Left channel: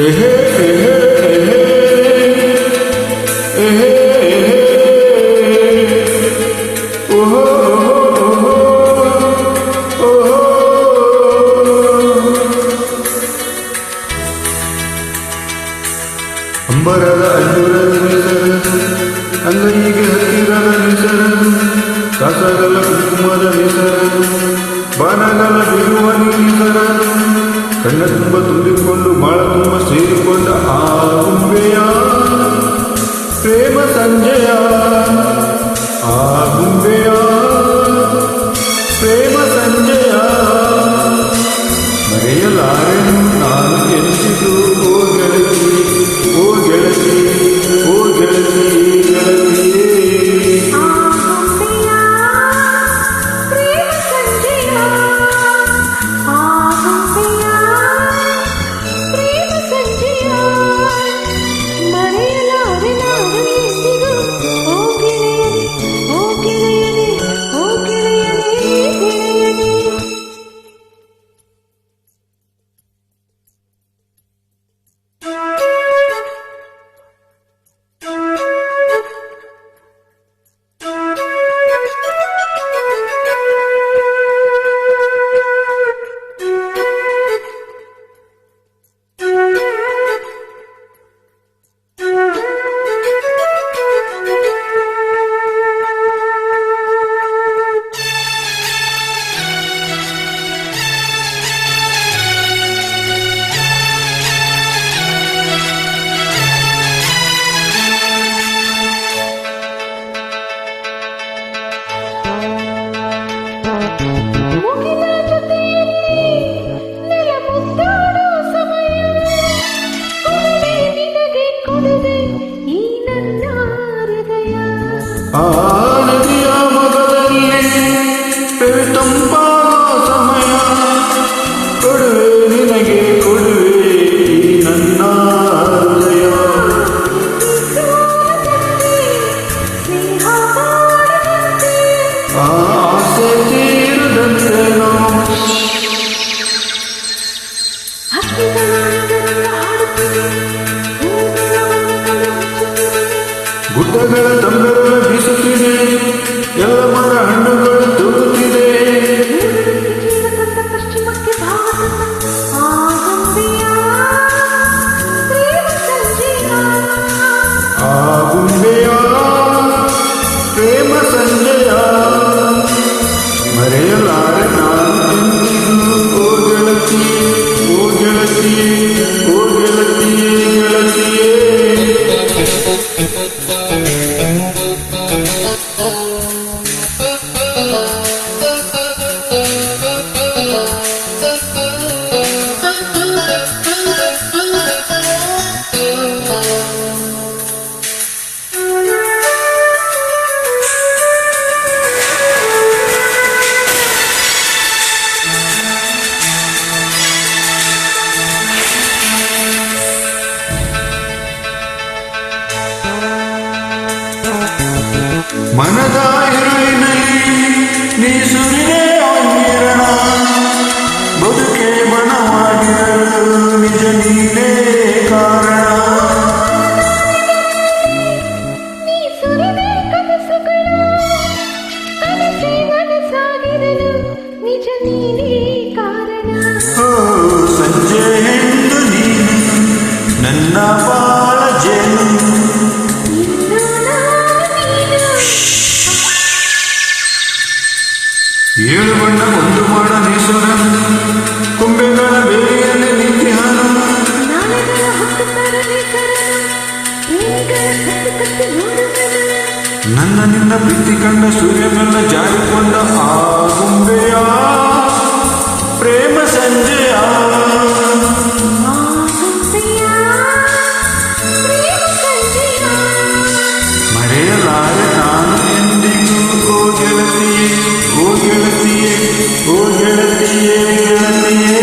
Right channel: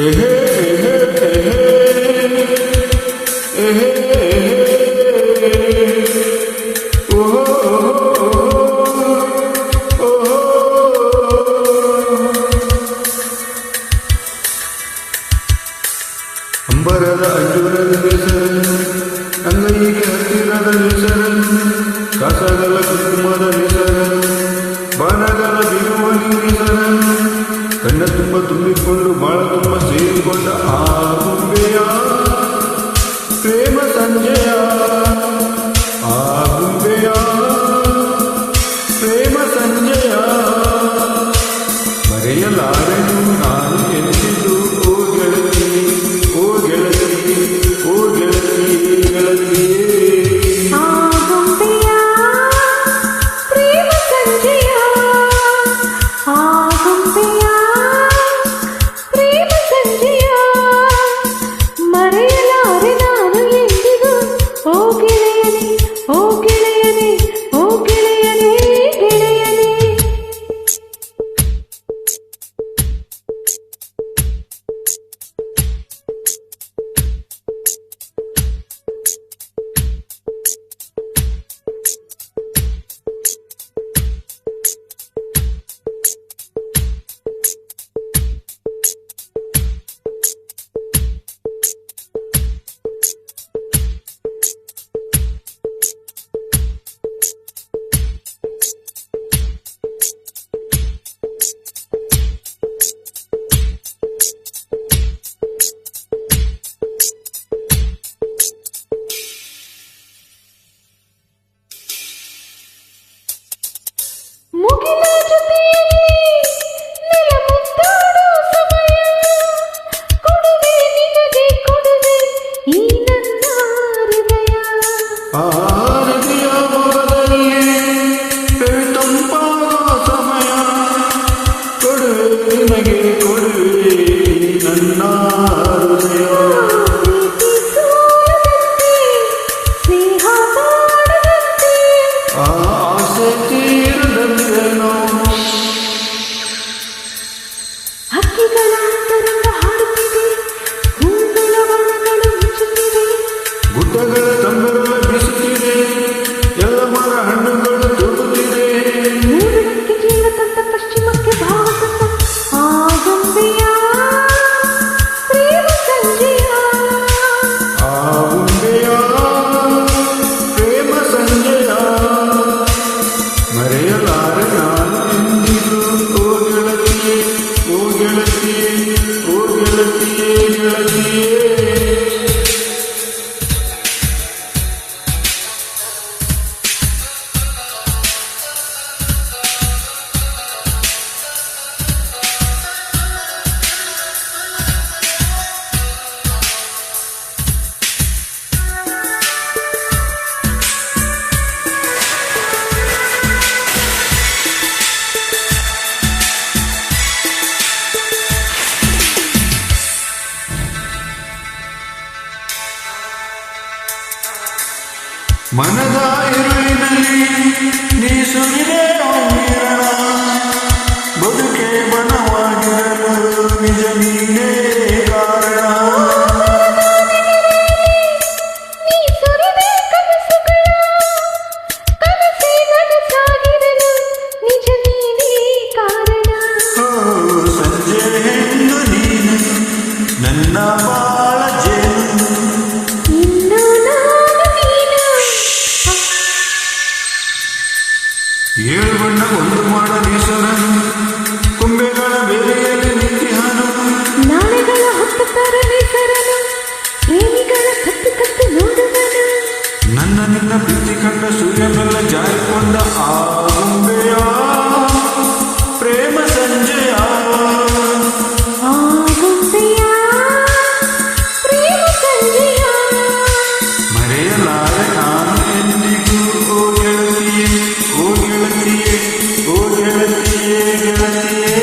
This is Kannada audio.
ಎಹೆ ಎಹೆ ಎಹೆ ಎಹೆ ಎಹೆ ಓಹೋ ಓಹೋ ಓಹೋ ಅಂಬರದ ಅಂಜುರದ ನೆಸರನು ಅಂಗೈಗೆ ಹತ್ತಿರದ ನೆಸರನು ಕಾಸಗಲ ಕುಂಕುಮದ ನೆಸರನು ಬಾನಗಲ ಬಿಗುವ ನೆಸರನು ಕಣ್ಣ ತುಂಬ ತುಂಬಿಕೊಂಡು ಬಾಳ ತುಂಬ ಸೇರಿಕೊಂಡ ಆ ಗುಂಬೆಯ ಪ್ರೇಮ ಸಂಜೆಯ ಆ ಗುಂಬೆಯ ಪ್ರೇಮ ಸಂಜೆಯ ಮರೆಯಲಾರೆನು ನಾನು ಎಂದಿದ್ದು ಓ ಗೆಳತಿ ಓ ಗೆಳತಿ ಓ ಗೆಳತಿ ಗೆಳತಿಯೇ ಮುಗಿಲ ಜೊತೆಯಲ್ಲಿ ನೆಲ ಮುದ್ದಾಡೋ ಸಮಯ ಕೊಡುವೆ ನಿನಗೆ ಕೊಡುವೆ ಈ ನನ್ನ ಹೃದಯ ಆ ನದಿಯ ಮೊಗದಲ್ಲಿ ತಂಪಾಗೋ ಸಮಯ ಕೊಡುವೆ ನಿನಗೆ ಕೊಡುವೆ ಈ ನನ್ನ ಹೃದಯ ಸ್ನೇಹ ಮಾಡದಂತೆ ಆ ಆಸೆ ತೀರದಂತೆನೋ ಹಕ್ಕಿಗಳ ಅಂತರಂಗ ಹಾಡುತ್ತಿದೆ ಹೂಗಳ ಬಣ್ಣಗಳು ಮುಚ್ಚುತ್ತಿದೆ ಗುಡ್ಡಗಳ ತಂಬೆರಳ ಬೀಸುತ್ತಿದೆ ಎಲ್ಲ ಮರ ಹಣ್ಣುಗಳು ತೂಗುತ್ತಿದೆ ಮೂಡಕ್ಕೆ ಜೀವ ತಂದ ಪಶ್ಚಿಮಕ್ಕೆ ಭಾವ ತಂದ ಆ ಗೊಂಬೆಯ ಪ್ರೇಮ ಸಂಜೆಯ ಆ ಗುಂಬೆಯ ಪ್ರೇಮ ಸಂಜೆಯ ಮರೆಯಲಾರೆ ನಾನು ಎಂದಿಗೂ ಓ ಗೆಳತಿಯೇ ಓ ಗೆಳತಿಯೇ ಓ ಗೆಳತಿಯೇ ಗೆಳತಿಯೇ ಮನದ ಇರುಳಿನಲ್ಲಿ ನೀ ಸುರಿದೆ ಹೊಂದಿರಣ ಬದುಕೆ ಬಣವಾಗಿರಲು ನಿಜ ನೀನೇ ಕಾರಣ ನೀ ಸುರಿದೆ ಕನಸುಗಳ ಕನಸೇ ನನಸಾಗಿರಲು ನಿಜ ನೀನೇ ಕಾರಣ ಓ ಸಂಜೆ ಹೆಣ್ಣು ನೀನು ನನ್ನ ಬಾಳ ಜೇನು ಇನ್ನು ನಾನು ನೀನು ಏಳು ಬಣ್ಣ ಒಂದು ಮಾಡ ನೇಸರನು ಕೊಂಬೆಗಳ ಬೇರೆಯಲ್ಲಿ ನಿಂತಿಹಾನು ನಾಳೆಗಳ ಹೊತ್ತು ತರಲಿ ಸರನು ಪ್ರೇಮಿಗಳ ಕತ್ತು ಕತ್ತು ನೋಡುವನು ನನ್ನ ನಿನ್ನ ಪ್ರೀತಿ ಕಂಡ ಸೂರ್ಯ ಮೆಲ್ಲ ಜಾರಿಕೊಂಡ ಆ ಗುಂಬೆಯ ಪ್ರೇಮ ಸಂಜೆಯ ಆ ಗೊಂಬೆಯ ಪ್ರೇಮ ಸಂಜೆಯ ಮರೆಯಲಾರೆ ನಾನು ಎಂದಿಗೂ ಓ ಗೆಳತಿಯೇ ಓ ಗೆಳತಿಯೇ ಓ ಗೆಳತಿಯೇ ಗೆಳತಿಯೇ